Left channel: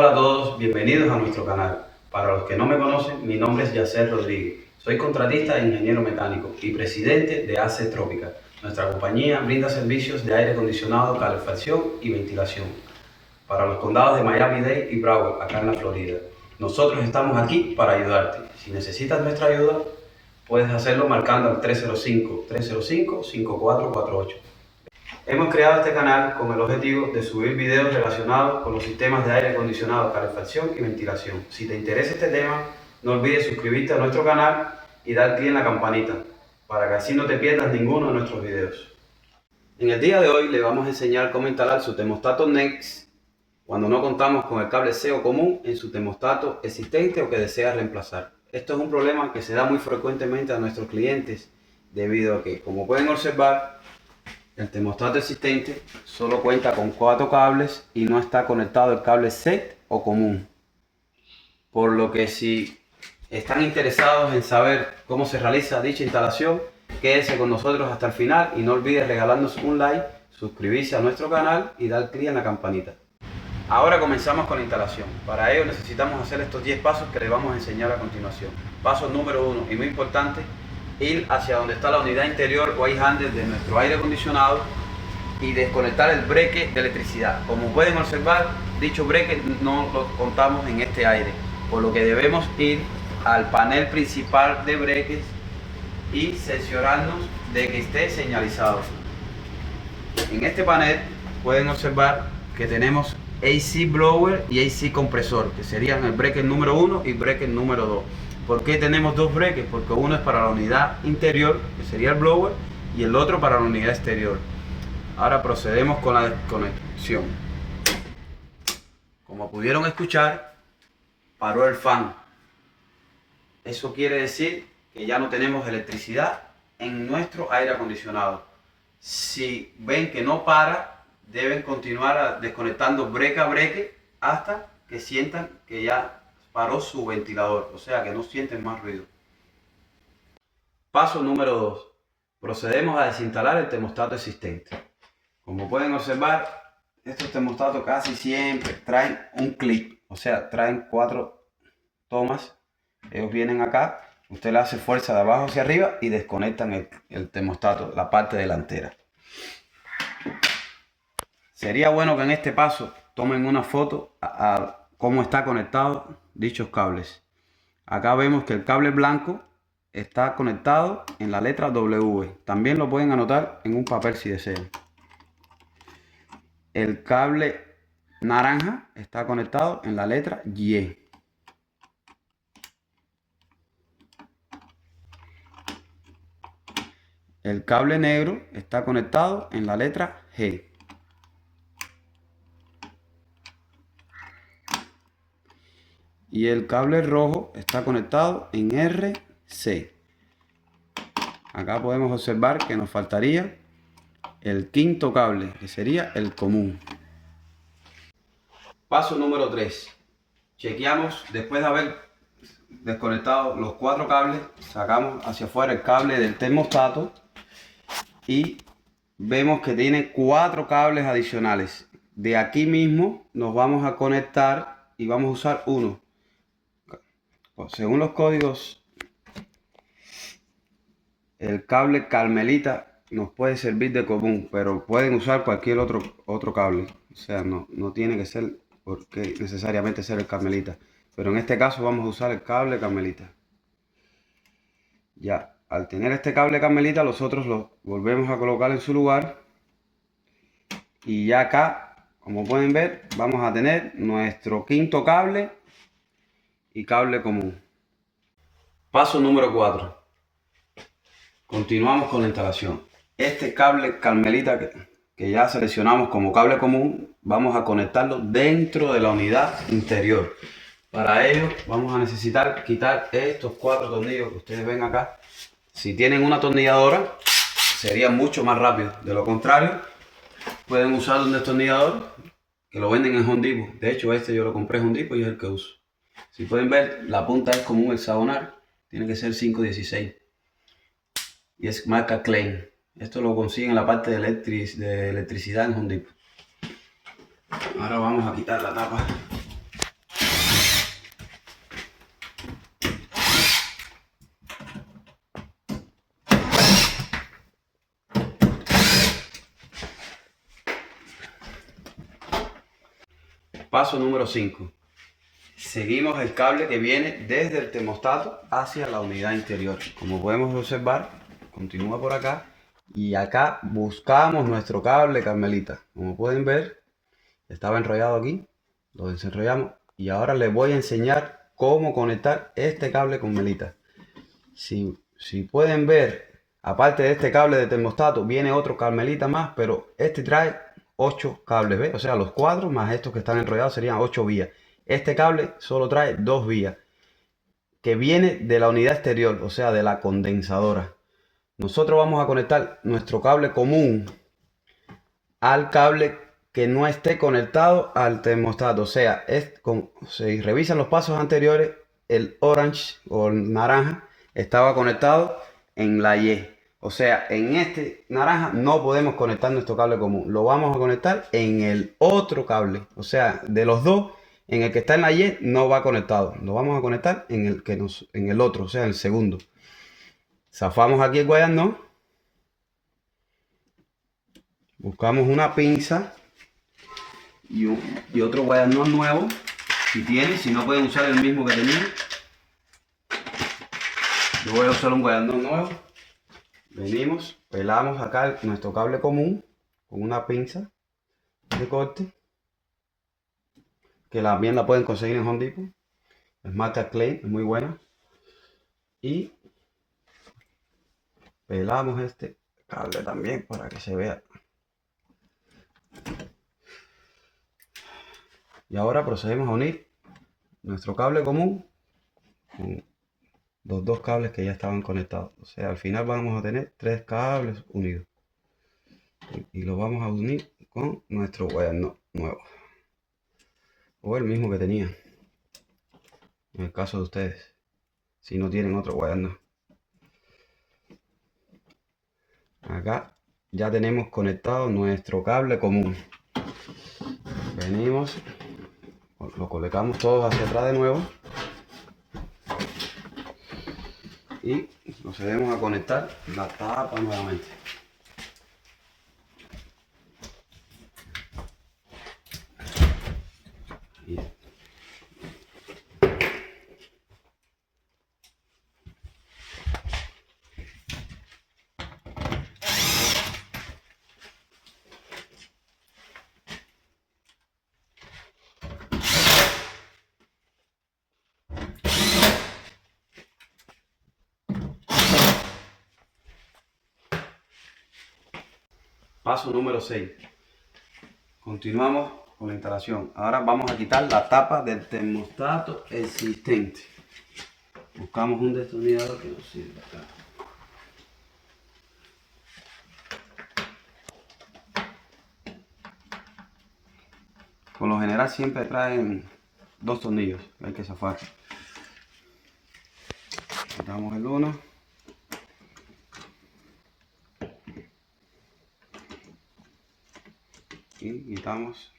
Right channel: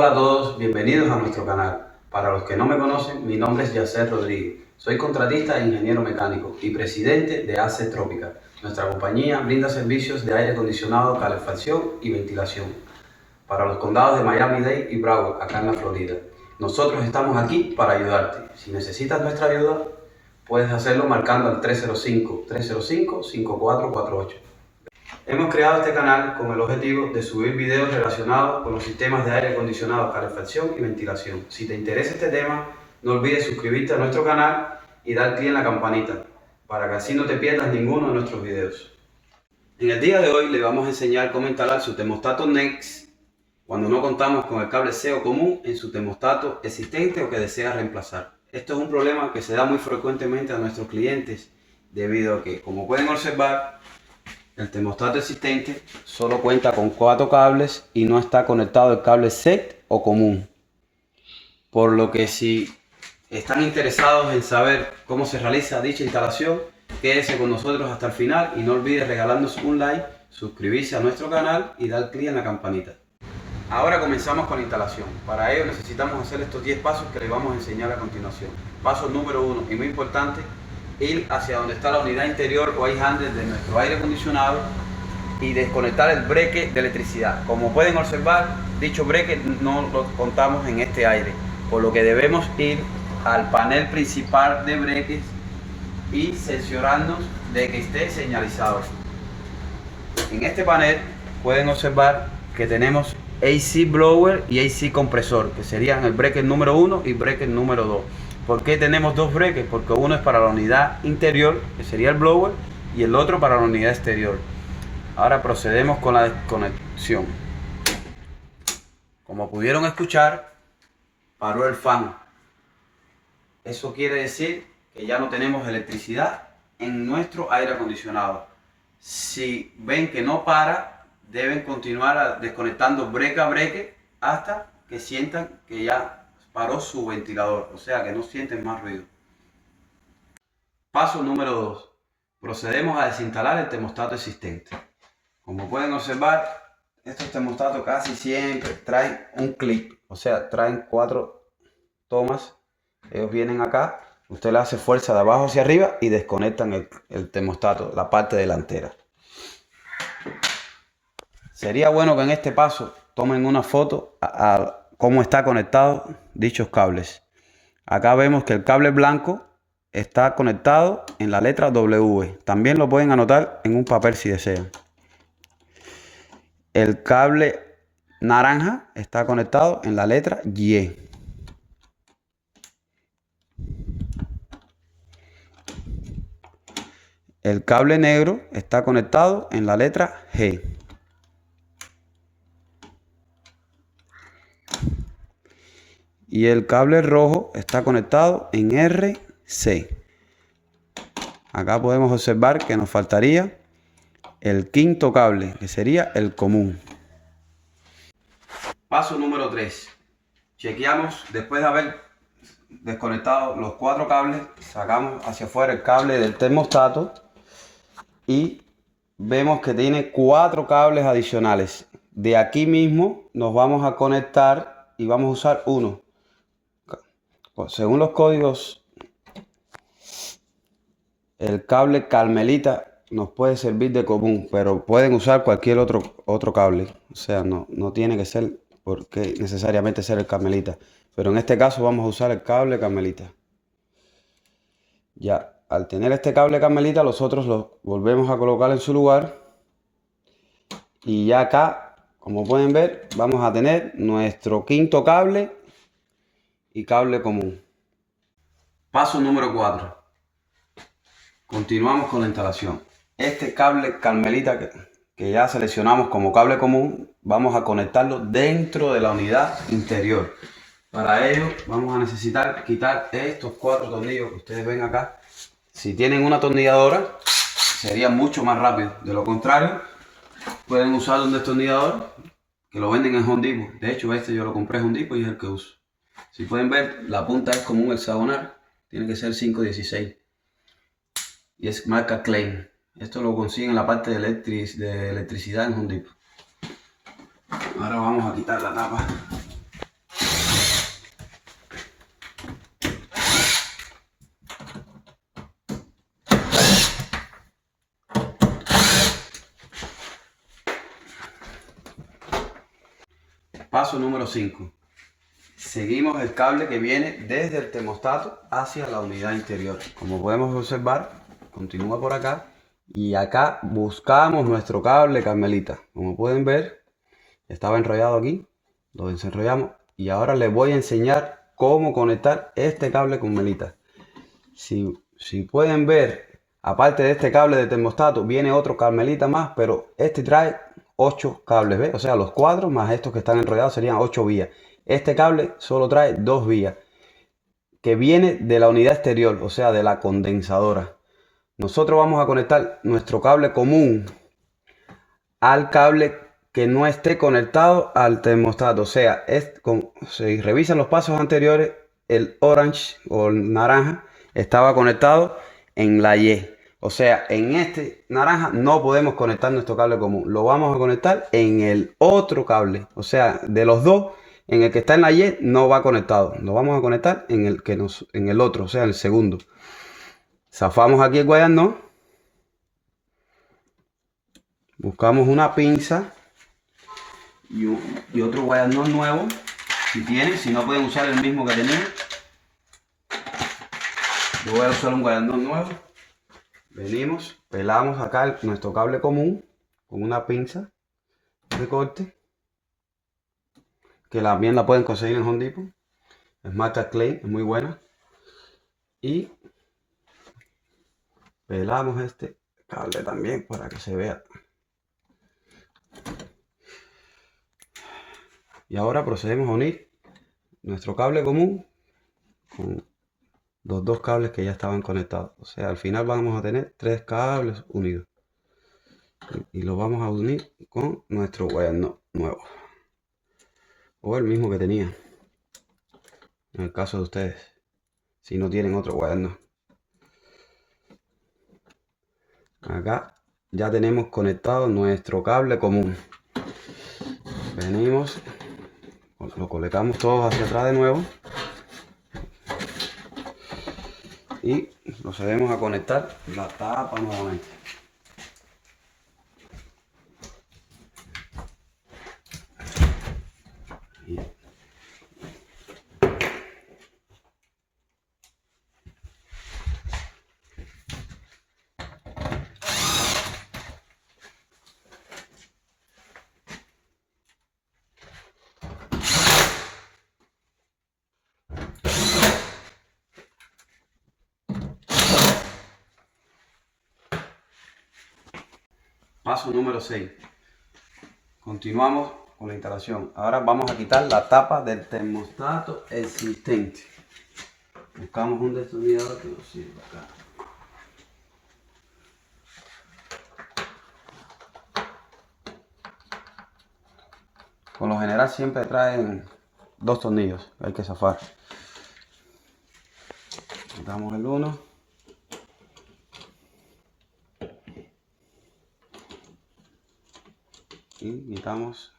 Hola a todos, bienvenidos a nuestro canal. Para los que no me conocen, mi nombre es Yacer Rodríguez. Soy contratista e ingeniero mecánico y presidente de AC Trópica. Nuestra compañía brinda servicios de aire acondicionado, calefacción y ventilación para los condados de Miami-Dade y Broward, acá en la Florida. Nosotros estamos aquí para ayudarte. Si necesitas nuestra ayuda, puedes hacerlo marcando al 305-305-5448. Hemos creado este canal con el objetivo de subir videos relacionados con los sistemas de aire acondicionado, calefacción y ventilación. Si te interesa este tema, no olvides suscribirte a nuestro canal y dar clic en la campanita para que así no te pierdas ninguno de nuestros videos. En el día de hoy le vamos a enseñar cómo instalar su termostato Next cuando no contamos con el cable CO común en su termostato existente o que desea reemplazar. Esto es un problema que se da muy frecuentemente a nuestros clientes debido a que, como pueden observar, el termostato existente solo cuenta con 4 cables y no está conectado el cable set o común. Por lo que si están interesados en saber cómo se realiza dicha instalación, quédese con nosotros hasta el final y no olvides regalarnos un like, suscribirse a nuestro canal y dar clic en la campanita. Ahora comenzamos con la instalación. Para ello necesitamos hacer estos 10 pasos que les vamos a enseñar a continuación. Paso número 1 y muy importante: ir hacia donde está la unidad interior o air handler de nuestro aire acondicionado y desconectar el breque de electricidad. Como pueden observar, dicho breque no lo contamos en este aire, por lo que debemos ir al panel principal de breques y cerciorarnos de que esté señalizado. En este panel pueden observar que tenemos AC blower y AC compresor, que serían el breaker número 1 y breaker número 2. ¿Por qué tenemos dos breakers? Porque uno es para la unidad interior, que sería el blower, y el otro para la unidad exterior. Ahora procedemos con la desconexión. Como pudieron escuchar, paró el fan. Eso quiere decir que ya no tenemos electricidad en nuestro aire acondicionado. Si ven que no para, deben continuar desconectando breque a breque hasta que sientan que ya paró su ventilador, o sea que no sienten más ruido. Paso número 2. Procedemos a desinstalar el termostato existente. Como pueden observar, estos termostatos casi siempre traen un clip, o sea, traen 4 tomas. Ellos vienen acá, usted le hace fuerza de abajo hacia arriba y desconectan el termostato, la parte delantera. Sería bueno que en este paso tomen una foto a cómo está conectado dichos cables. Acá vemos que el cable blanco está conectado en la letra W. También lo pueden anotar en un papel si desean. El cable naranja está conectado en la letra Y. El cable negro está conectado en la letra G. Y el cable rojo está conectado en RC. Acá podemos observar que nos faltaría el quinto cable, que sería el común. Paso número 3. Chequeamos, después de haber desconectado los 4 cables, sacamos hacia afuera el cable del termostato y vemos que tiene 4 cables adicionales. De aquí mismo nos vamos a conectar y vamos a usar uno. Según los códigos, el cable Carmelita nos puede servir de común, pero pueden usar cualquier otro cable. O sea, no tiene que ser porque necesariamente ser el Carmelita. Pero en este caso vamos a usar el cable Carmelita. Ya, al tener este cable Carmelita, los otros los volvemos a colocar en su lugar. Y ya acá, como pueden ver, vamos a tener nuestro quinto cable y cable común. Paso número 4. Continuamos con la instalación. Este cable Carmelita que ya seleccionamos como cable común, vamos a conectarlo dentro de la unidad interior. Para ello vamos a necesitar quitar estos 4 tornillos que ustedes ven acá. Si tienen una atornilladora sería mucho más rápido. De lo contrario, pueden usar un destornillador que lo venden en Home Depot. De hecho, este yo lo compré en Home Depot y es el que uso. Si pueden ver, la punta es como un hexagonal. Tiene que ser 516. Y es marca Klein. Esto lo consiguen en la parte de electricidad en Home Depot. Ahora vamos a quitar la tapa Paso número 5. Seguimos el cable que viene desde el termostato hacia la unidad interior. Como podemos observar, continúa por acá y acá buscamos nuestro cable Carmelita. Como pueden ver, estaba enrollado aquí, lo desenrollamos y ahora les voy a enseñar cómo conectar este cable Carmelita. Si pueden ver, aparte de este cable de termostato, viene otro Carmelita más, pero este trae 8 cables, ¿ves? O sea, los 4 más estos que están enrollados serían 8 vías. Este cable solo trae 2 vías, que viene de la unidad exterior, o sea, de la condensadora. Nosotros vamos a conectar nuestro cable común al cable que no esté conectado al termostato. O sea, si revisan los pasos anteriores, el orange o el naranja estaba conectado en la Y. O sea, en este naranja no podemos conectar nuestro cable común. Lo vamos a conectar en el otro cable. O sea, de los dos, en el que está en la Y no va conectado. Lo vamos a conectar en el otro, o sea, en el segundo. Zafamos aquí el guayano. Buscamos una pinza y otro guayano nuevo. Si tienen, si no pueden usar el mismo que tenían. Yo voy a usar un guayano nuevo. Venimos, pelamos acá nuestro cable común con una pinza de corte, que también la pueden conseguir en Home Depot. Smart Clay, es muy buena. Y pelamos este cable también para que se vea. Y ahora procedemos a unir nuestro cable común con los dos cables que ya estaban conectados. O sea, al final vamos a tener 3 cables unidos. Y los vamos a unir con nuestro guayano nuevo. O el mismo que tenía. En el caso de ustedes. Si no tienen otro guayano. Acá ya tenemos conectado nuestro cable común. Venimos. Lo colocamos todos hacia atrás de nuevo. Y procedemos a conectar la tapa nuevamente. Paso número 6. Continuamos con la instalación. Ahora vamos a quitar la tapa del termostato existente. Buscamos un destornillador que nos sirva acá. Por lo general siempre traen 2 tornillos, hay que zafar. Quitamos el uno. Y quitamos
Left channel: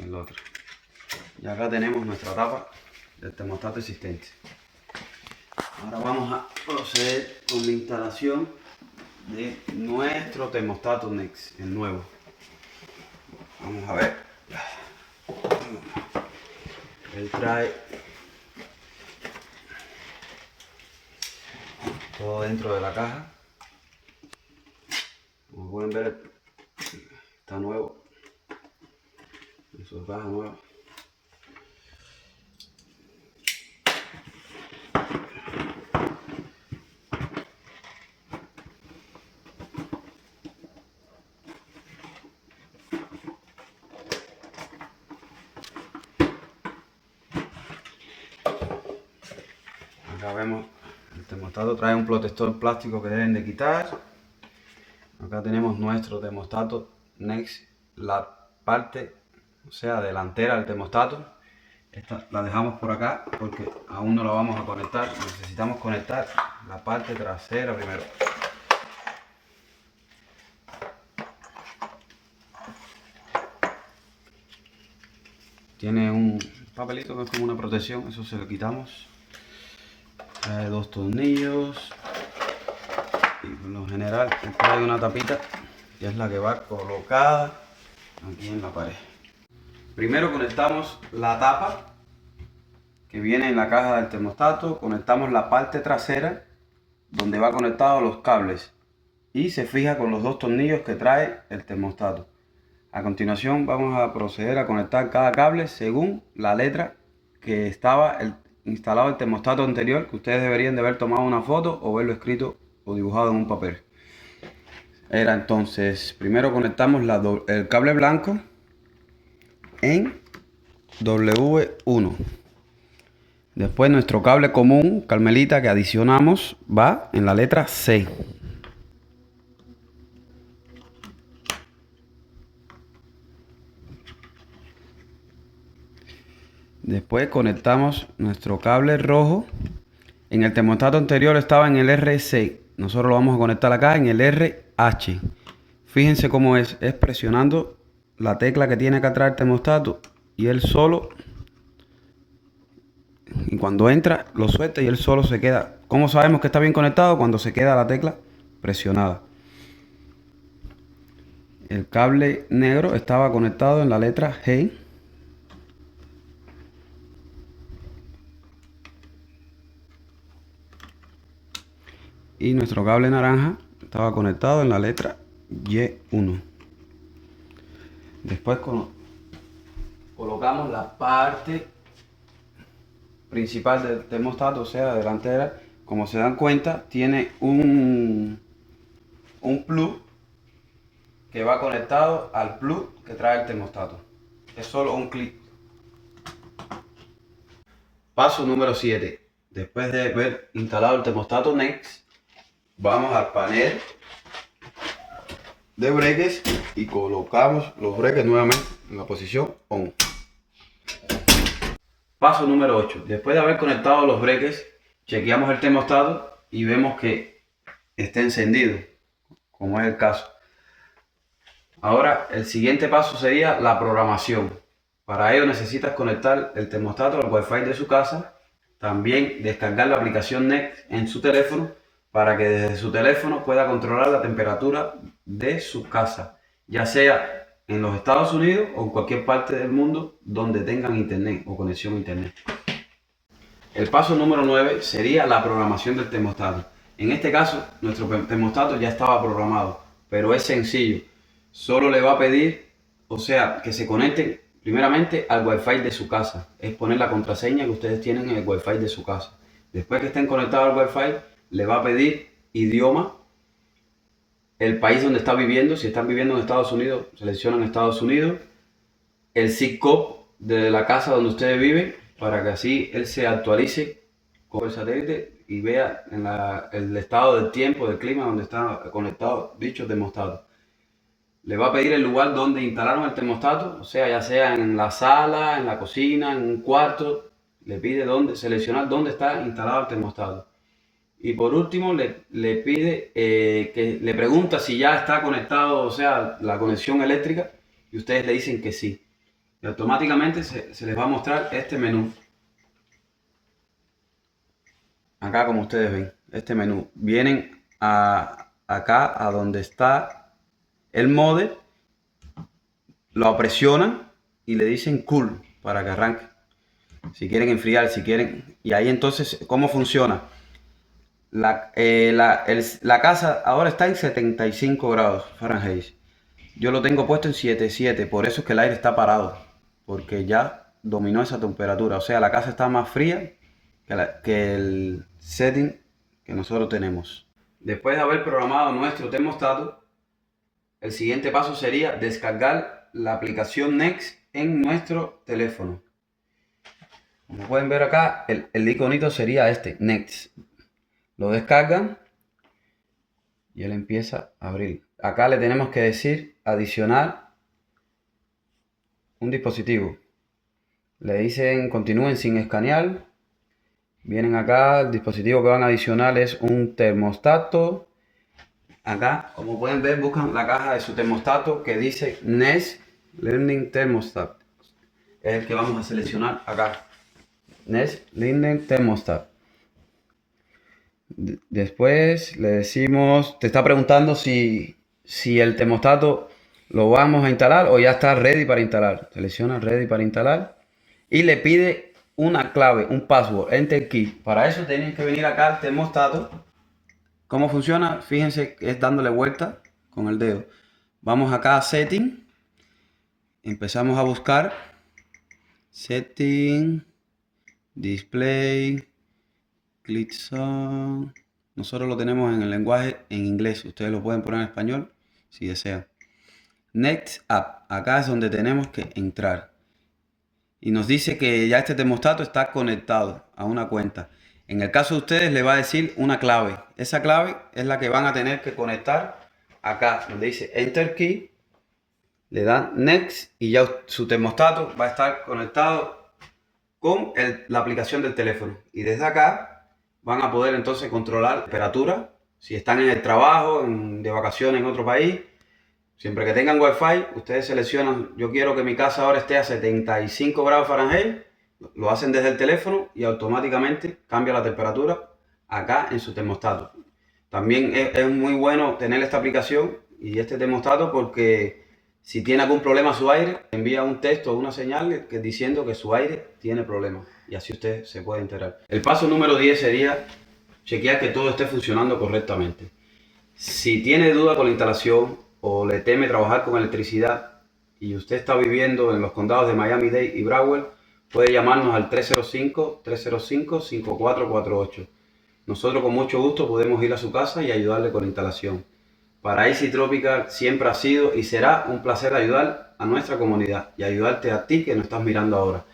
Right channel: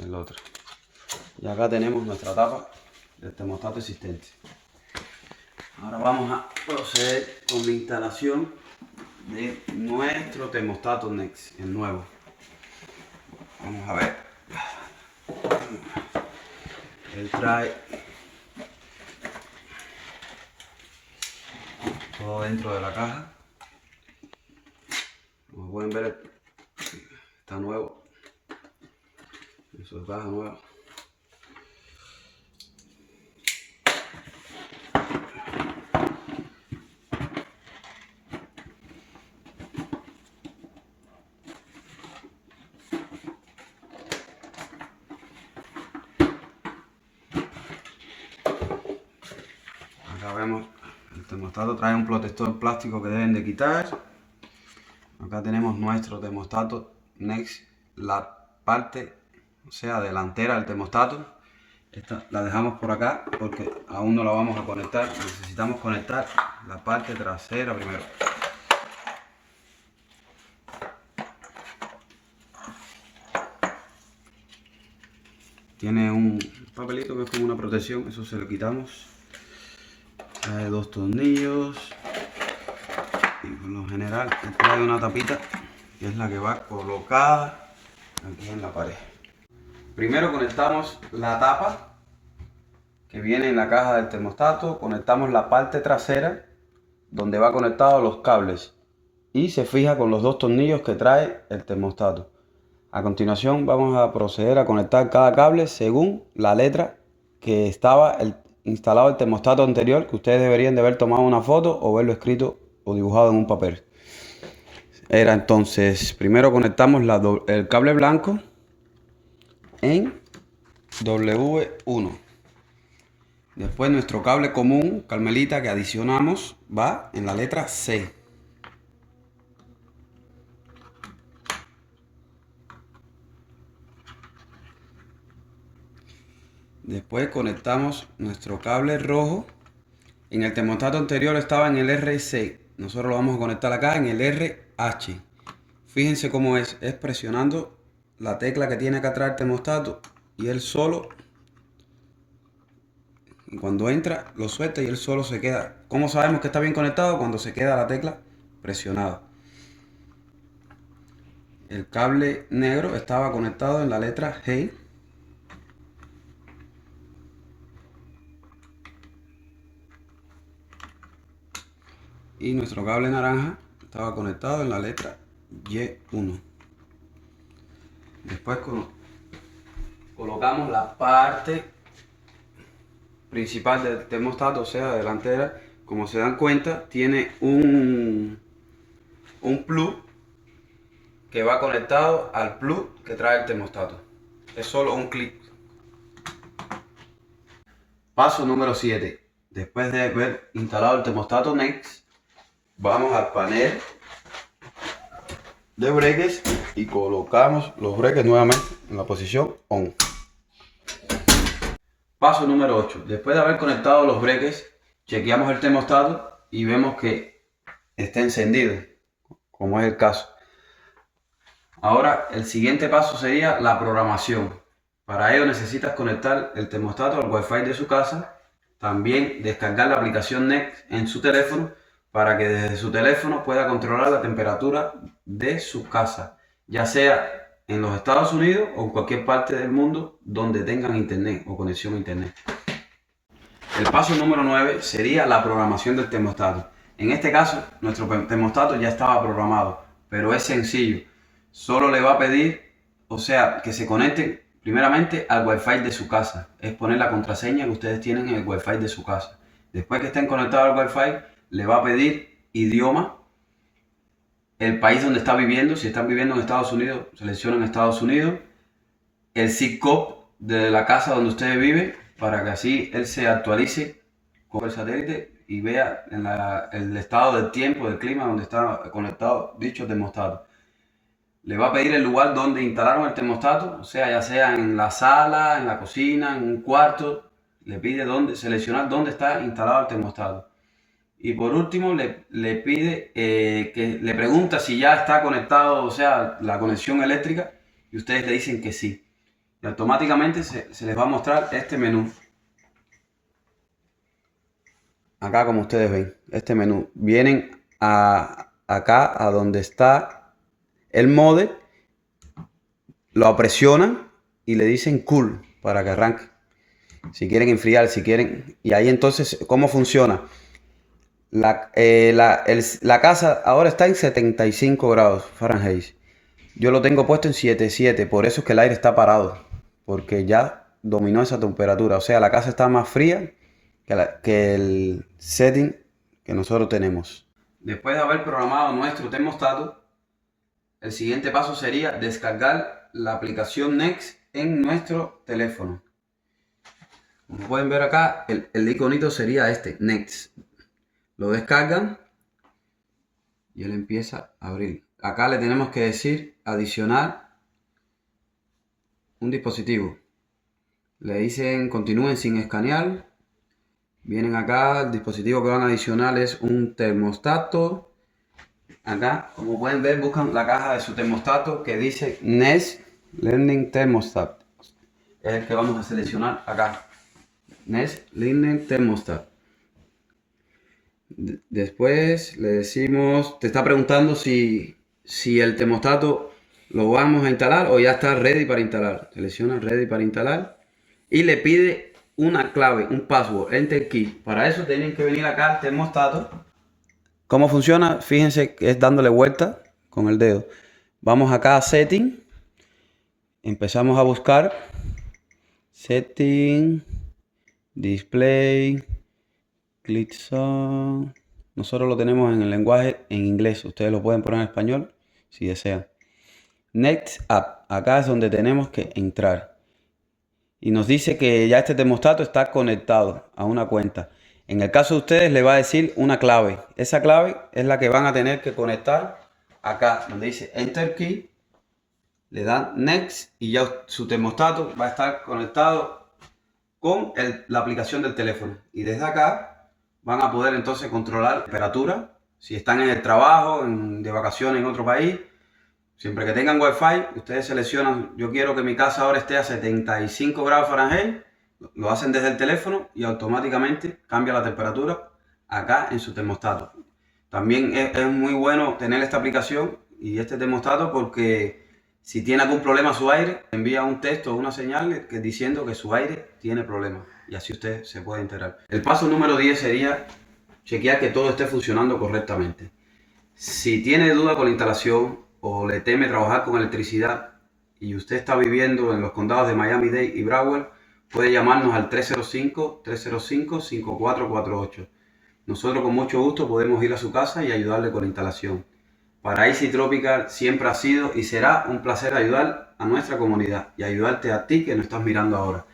el otro. Y acá tenemos nuestra tapa del termostato existente. Ahora vamos a proceder con la instalación de nuestro termostato Next, el nuevo. Vamos a ver. Él trae todo dentro de la caja. Como pueden ver, está nuevo. En su caja nueva. Acá vemos, el termostato trae un protector plástico que deben de quitar. Acá tenemos nuestro termostato Next, la parte, o sea, delantera del termostato. Esta la dejamos por acá porque aún no la vamos a conectar. Necesitamos conectar la parte trasera primero. Tiene un papelito que es como una protección, eso se lo quitamos. Trae 2 tornillos y por lo general trae una tapita que es la que va colocada aquí en la pared. Primero conectamos la tapa que viene en la caja del termostato, conectamos la parte trasera donde va conectado los cables y se fija con los dos tornillos que trae el termostato. A continuación vamos a proceder a conectar cada cable según la letra que estaba instalado el termostato anterior, que ustedes deberían de haber tomado una foto o verlo escrito o dibujado en un papel. Era entonces, primero conectamos el cable blanco en W1. Después nuestro cable común, Carmelita, que adicionamos, va en la letra C. Después conectamos nuestro cable rojo. En el termostato anterior estaba en el RC. Nosotros lo vamos a conectar acá en el RH. Fíjense cómo es presionando la tecla que tiene acá atrás el termostato y él solo, y cuando entra lo suelta y él solo se queda. ¿Cómo sabemos que está bien conectado? Cuando se queda la tecla presionada. El cable negro estaba conectado en la letra G. Y nuestro cable naranja estaba conectado en la letra Y1. Después colocamos la parte principal del termostato, o sea, delantera. Como se dan cuenta, tiene un plug que va conectado al plug que trae el termostato. Es solo un clic. Paso número 7. Después de haber instalado el termostato Next, vamos al panel de breques y colocamos los breques nuevamente en la posición ON. Paso número 8. Después de haber conectado los breques, chequeamos el termostato y vemos que está encendido, como es el caso. Ahora el siguiente paso sería la programación. Para ello necesitas conectar el termostato al Wi-Fi de su casa, también descargar la aplicación Next en su teléfono para que desde su teléfono pueda controlar la temperatura de su casa, ya sea en los Estados Unidos o en cualquier parte del mundo donde tengan internet o conexión a internet. El paso número 9 sería la programación del termostato. En este caso, nuestro termostato ya estaba programado, pero es sencillo. Solo le va a pedir, o sea, que se conecten primeramente al Wi-Fi de su casa. Es poner la contraseña que ustedes tienen en el Wi-Fi de su casa. Después que estén conectados al Wi-Fi, le va a pedir idioma, el país donde está viviendo. Si están viviendo en Estados Unidos, seleccionan Estados Unidos, el zip code de la casa donde ustedes viven, para que así él se actualice con el satélite y vea en el estado del tiempo, del clima donde está conectado dicho termostato. Le va a pedir el lugar donde instalaron el termostato, o sea, ya sea en la sala, en la cocina, en un cuarto. Le pide seleccionar dónde está instalado el termostato. Y por último le pide que le pregunta si ya está conectado, o sea, la conexión eléctrica, y ustedes le dicen que sí. Y automáticamente se les va a mostrar este menú. Acá, como ustedes ven, este menú. Vienen acá a donde está el modem, lo presionan y le dicen cool para que arranque. Si quieren enfriar, si quieren. Y ahí entonces, ¿cómo funciona? La casa ahora está en 75 grados Fahrenheit. Yo lo tengo puesto en 77, por eso es que el aire está parado, porque ya dominó esa temperatura. O sea, la casa está más fría que el setting que nosotros tenemos. Después de haber programado nuestro termostato, el siguiente paso sería descargar la aplicación Next en nuestro teléfono. Como pueden ver acá, el iconito sería este, Next. Lo descargan y él empieza a abrir. Acá le tenemos que decir adicionar un dispositivo. Le dicen continúen sin escanear. Vienen acá, el dispositivo que van a adicionar es un termostato. Acá, como pueden ver, buscan la caja de su termostato que dice Nest Learning Thermostat. Es el que vamos a seleccionar acá. Nest Learning Thermostat. Después le decimos, te está preguntando si el termostato lo vamos a instalar o ya está ready para instalar. Selecciona ready para instalar y le pide una clave, un password, enter key. Para eso tienen que venir acá al termostato. ¿Cómo funciona? Fíjense que es dándole vuelta con el dedo. Vamos acá a setting, empezamos a buscar setting, display, click on. Nosotros lo tenemos en el lenguaje en inglés, ustedes lo pueden poner en español si desean. Next App, acá es donde tenemos que entrar. Y nos dice que ya este termostato está conectado a una cuenta. En el caso de ustedes le va a decir una clave. Esa clave es la que van a tener que conectar acá, donde dice Enter Key. Le dan Next y ya su termostato va a estar conectado con la aplicación del teléfono. Y desde acá van a poder entonces controlar la temperatura. Si están en el trabajo, de vacaciones en otro país, siempre que tengan Wi-Fi, ustedes seleccionan, yo quiero que mi casa ahora esté a 75 grados Fahrenheit, lo hacen desde el teléfono y automáticamente cambia la temperatura acá en su termostato. También es muy bueno tener esta aplicación y este termostato porque si tiene algún problema su aire, envía un texto o una señal diciendo que su aire tiene problemas y así usted se puede enterar. El paso número 10 sería chequear que todo esté funcionando correctamente. Si tiene duda con la instalación o le teme trabajar con electricidad y usted está viviendo en los condados de Miami-Dade y Broward, puede llamarnos al 305-305-5448. Nosotros con mucho gusto podemos ir a su casa y ayudarle con la instalación. Para Easy Tropical siempre ha sido y será un placer ayudar a nuestra comunidad y ayudarte a ti que nos estás mirando ahora.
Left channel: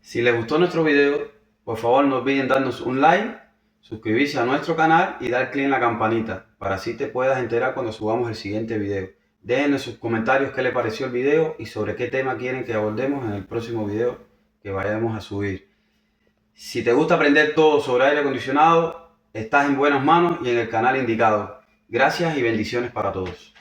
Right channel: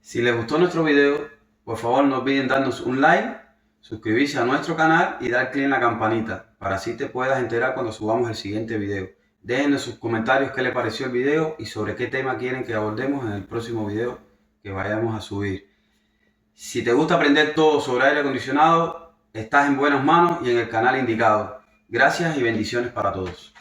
Si les gustó nuestro video, por favor no olviden darnos un like, suscribirse a nuestro canal y dar clic en la campanita para así te puedas enterar cuando subamos el siguiente video. Déjenos sus comentarios qué les pareció el video y sobre qué tema quieren que abordemos en el próximo video que vayamos a subir. Si te gusta aprender todo sobre aire acondicionado, estás en buenas manos y en el canal indicado. Gracias y bendiciones para todos.